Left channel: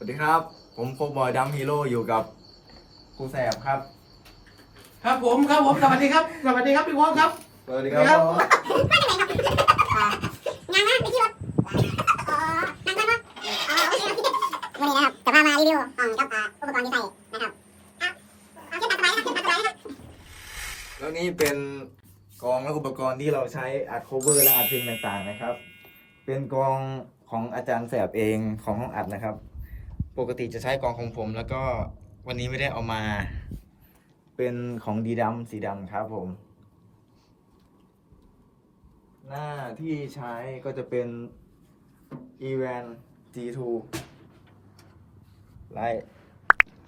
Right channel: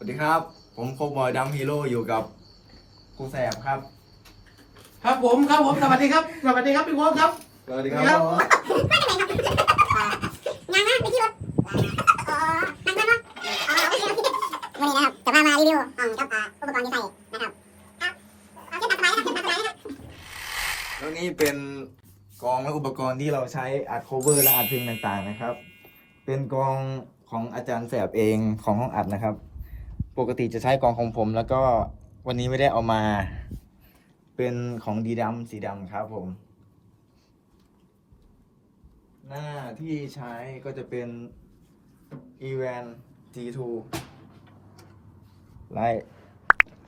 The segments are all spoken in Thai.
สวัสดีครับ ผมโคบอยดัมฮีโร่อยู่กับครูแสบครับ ครับผมครับผมสวัสดีครับสวัสดีครับพี่วอลครับสวัสดีครับครับงานนะไปที่รถอ๋อนั่งนั่งรถอ๋อโอเควันนี้นะครับจะพามารีวิวของกับอ่าอุปกรณ์ที่ใส่นะครับเอาเอาขึ้นตามสบายนะครับขึ้นตามสบายนะครับแล้วนี่เป็นกองและอุปกรณ์ที่เราใช้อัดโคเวอร์และอัดเพลงต่างๆนะครับ เป็นกองของอาจารย์แสบเองของห้องอัดนะครับ ปกติจะใช้กองของผม แล้วก็วันนี้ไม่ได้เอามา เป็นของดีดำสีดำครับผม หน้าที่ใช้ก็จะเป็น e v a n G2 ไลท์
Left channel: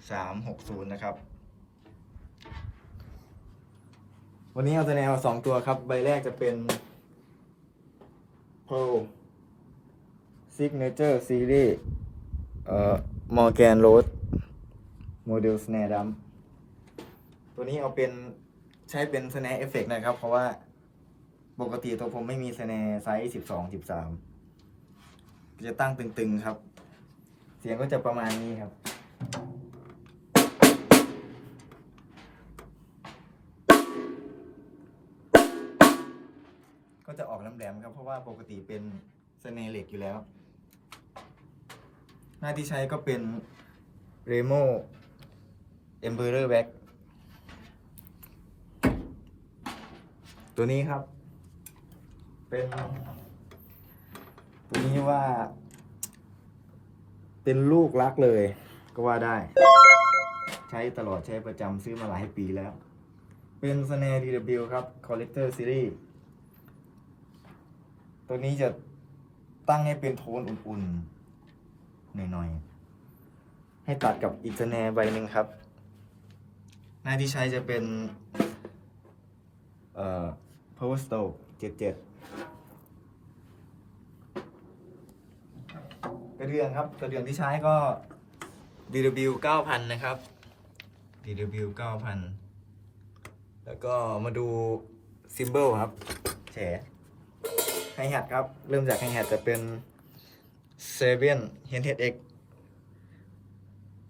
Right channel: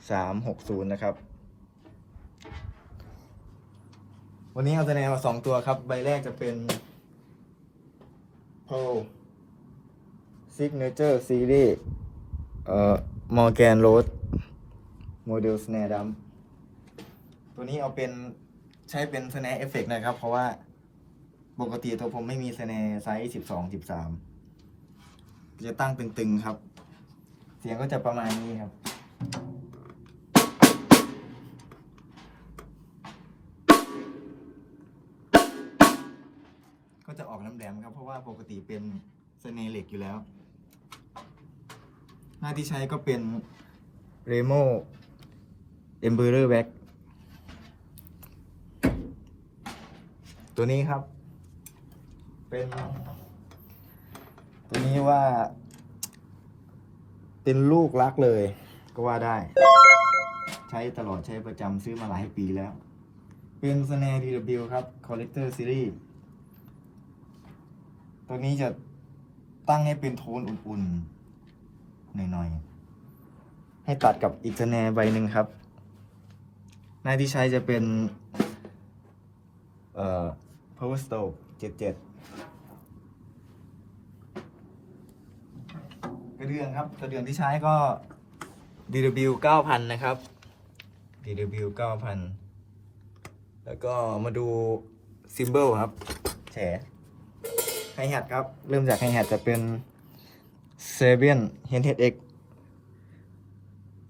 360นะครับ วันนี้เอาคะแนนมาสองตัวครับ ใบแรกจะเป็น Pearl Signature Series เอ่อ Morgan Road โมเดล Snare Drum ตัวนี้เอาเป็นใช้เป็น Snare Effect นะครับ เพราะว่าปกติตัวผมไม่มี Snare ไซส์12 13จะตั้งตึงๆครับ เสียงก็จะประมาณนี้ครับก็จะออกแหลมๆครับ เพราะว่าปกติเป็นสเนเหล็กอยู่แล้ว หน้าที่ใช้ก็เป็น Remo Emperor Wax ตัวนี้ครับ เป็น ตัวนี้ว่า เป็นลูกรักเลยก็ว่าได้ ใช้ตลอดใช้ประจำซื้อมาหลายปีแล้ว เป็น Snare DW ครับ Collector Series ตัวนี้จะตั้งให้เป็นโทนอุ่นๆ หน่อยๆ ให้ตัดกับอีกสแนร์ใบหนึ่งครับ หน้าที่ใช้จะเป็น เอ่อ power stroke 77 กระเดื่องครับ กระเดื่องที่ใช้ก็ DW 9000 นะครับ DW 9000 แล้วก็มาดูซิมเบิลครับแฉไฮแฮทครับ เริ่มจากไฮแฮทจะเป็น s e v i a n h e n h e a d X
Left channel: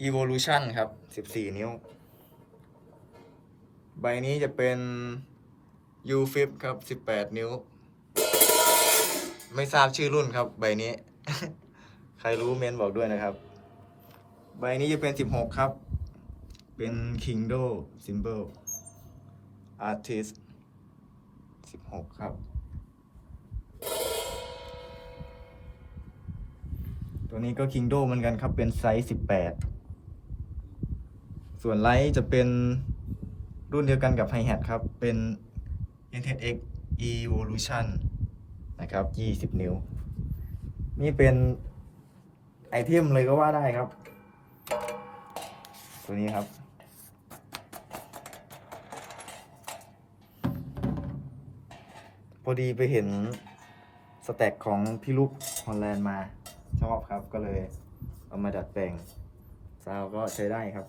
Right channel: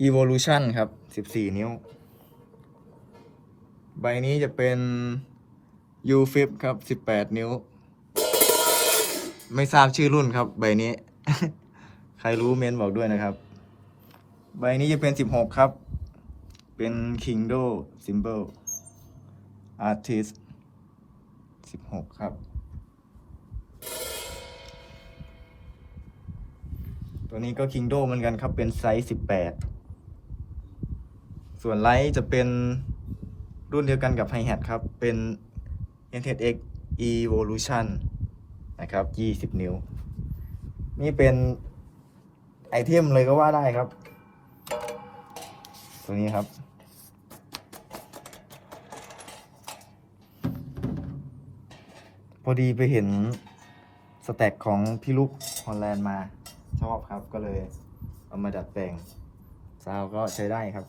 Evolution ครับ14นิ้ว ใบนี้จะเป็น U Flip ครับ18นิ้ว ไม่ทราบชื่อรุ่นครับ ใบนี้ ใครรู้เมนบอกด้วยนะครับ ใบนี้จะเป็น16ครับ เป็น Kingdo Symbol Artist 16ครับ ตัวนี้ก็ Kingdo เหมือนกันครับ เป็นไซส์18ส่วนไลท์จะเป็นรุ่นเดียวกันกับ Hi Hat ครับ เป็น NTX Evolution นะครับ20นิ้ว นี่เป็นไอเทมเลยก็ว่าได้ครับ ตัวนี้ครับพอดีไปเห็นสแต็กของพี่ลูกฮอลแลนด์มา ชอบครับก็เลยเอามาดัดแปลงซาวก็ใช้ได้ครับ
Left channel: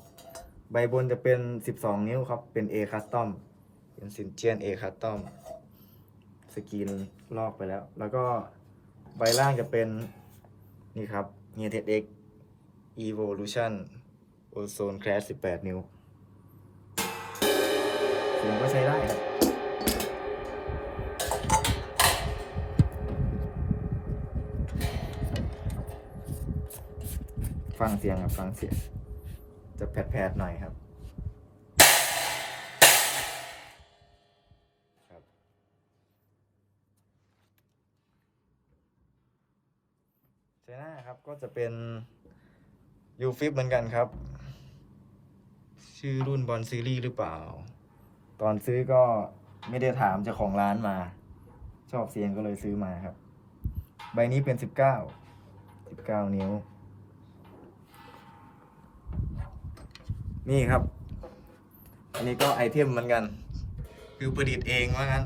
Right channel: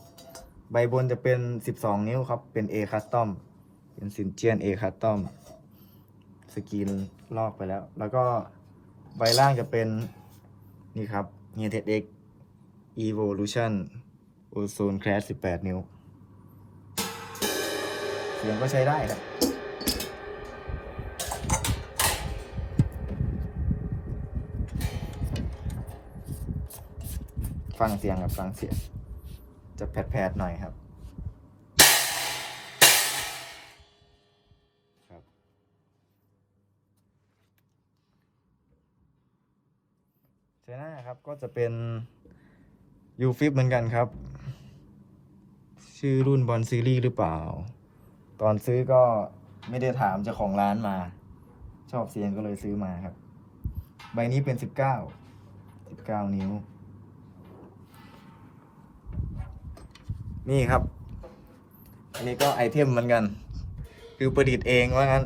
ใบบนจะเป็น 12 นิ้วครับ เป็น A Custom เป็นซินเจียน A Custom สกรีนลอกไปแล้ว แล้วก็ใบล่างจะเป็นนี่ครับ n e t e X Evolution Ozone Class 18 นิ้วเสียงก็ใช้ได้ครับ ฟังเสียงครับฟังเสียง จะแผดๆหน่อยครับครับใช่หน้าครับก็จะเป็นยูฟิปเหมือนกันครับ ชื่อรุ่นบอลซีรีส์หรือเปล่า ตอนซื้อก็ไม่ได้ถามเจ้าของร้านมา ชอบเสียงก็เลยซื้อมาครับ ใบนี้เป็นสิบเก้าสิบเก้านิ้ว นี่ครับ อันนี้ก็ไอเทมเหมือนกัน คือประดิษฐ์เองว่างั้น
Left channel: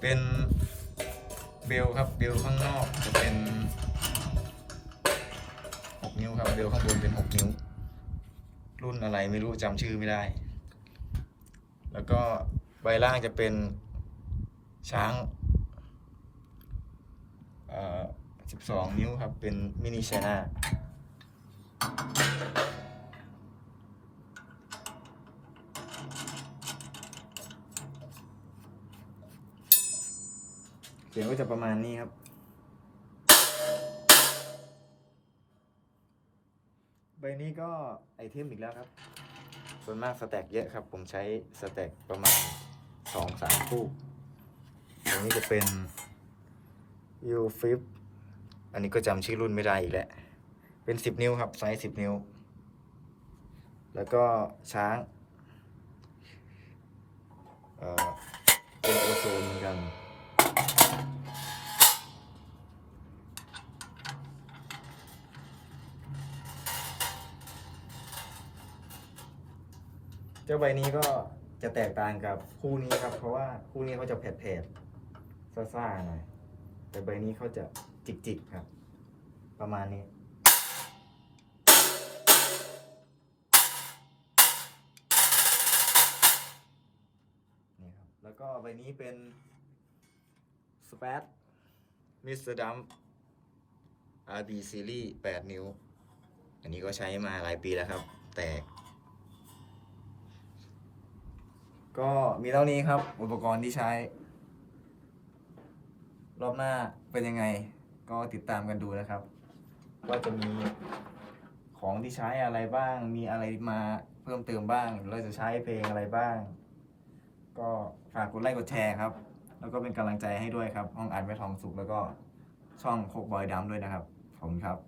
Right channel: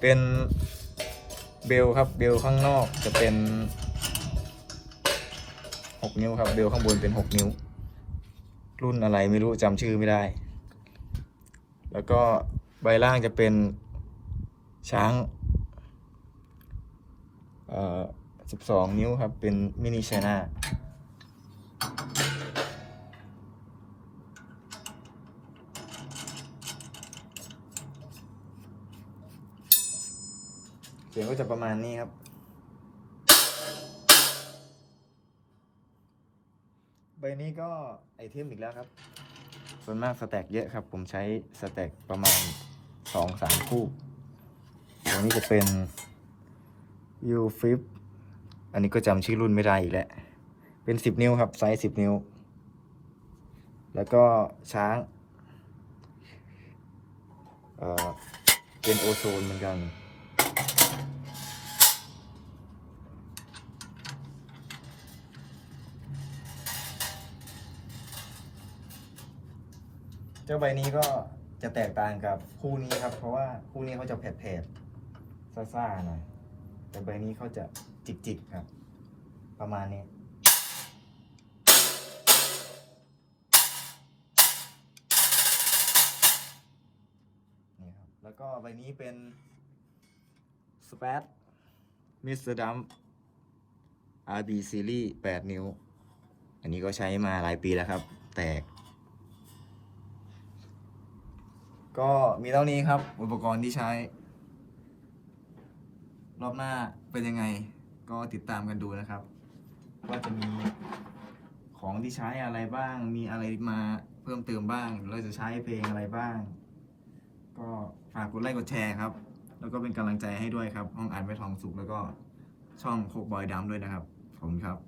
เป็นเบลครับ เบลข้างนอกจะเป็น 6 นิ้วครับ เบลข้างบนเป็น 6 นิ้ว รุ่นอะไรไม่รู้จำชื่อไม่ได้ แล้วก็ใบล่างจะเป็นช้างเอ่อ12 นิ้วครับ เป็นมินิชนา สียงก็จะประมาณนี้ครับ ใบนี้ก็ไอเทมอีกแล้วครับ ส่วนมากสแต็กเยอะครับ ผมใช้สแต็กประมาณสองสามคู่อันนี้จะเป็น u f i p อันนี้ก็จำชื่อรุ่นไม่ได้อีกแล้ว เป็นสิบนิ้วครับ ไซส์สิบนิ้ว แล้วก็ช้าง เอ่อ เป็นโอโซนเหมือนกัน เจ้าใบนี้ก็จะแตกต่างกับคู่นี้ครับ เพราะว่าคู่นี้เขาจะแผดๆซ่าๆหน่อยแต่ใบนี้เขาจะจิกๆครับ ประมาณนี้นี่ครับแล้วก็ใบนี้เป็น สเปซมิสเตอร์ดัม RD Series 8 นิ้ว อันนี้ก็ใช้มาหลายปีแล้วครับ แตก ก็มีเท่านี้ครับ อุปกรณ์ที่ใช้ รอบหน้าเป็นยังไง ก็ติดตามกันดูนะครับ ว่าจะมีของที่ใช้อะไรบ้าง มีอะไรมาเพิ่มเติมบ้าง เราจะใช้เพลงอะไรบ้าง ก็ฝากกดไลค์กดแชร์ครับ แล้วก็เป็นกำลังใจให้ด้วยครับ ห้องอัดแม่ทองสุกแล้วก็ช่องโคกบอยดำด้วยนะครับ ขอบคุณครับ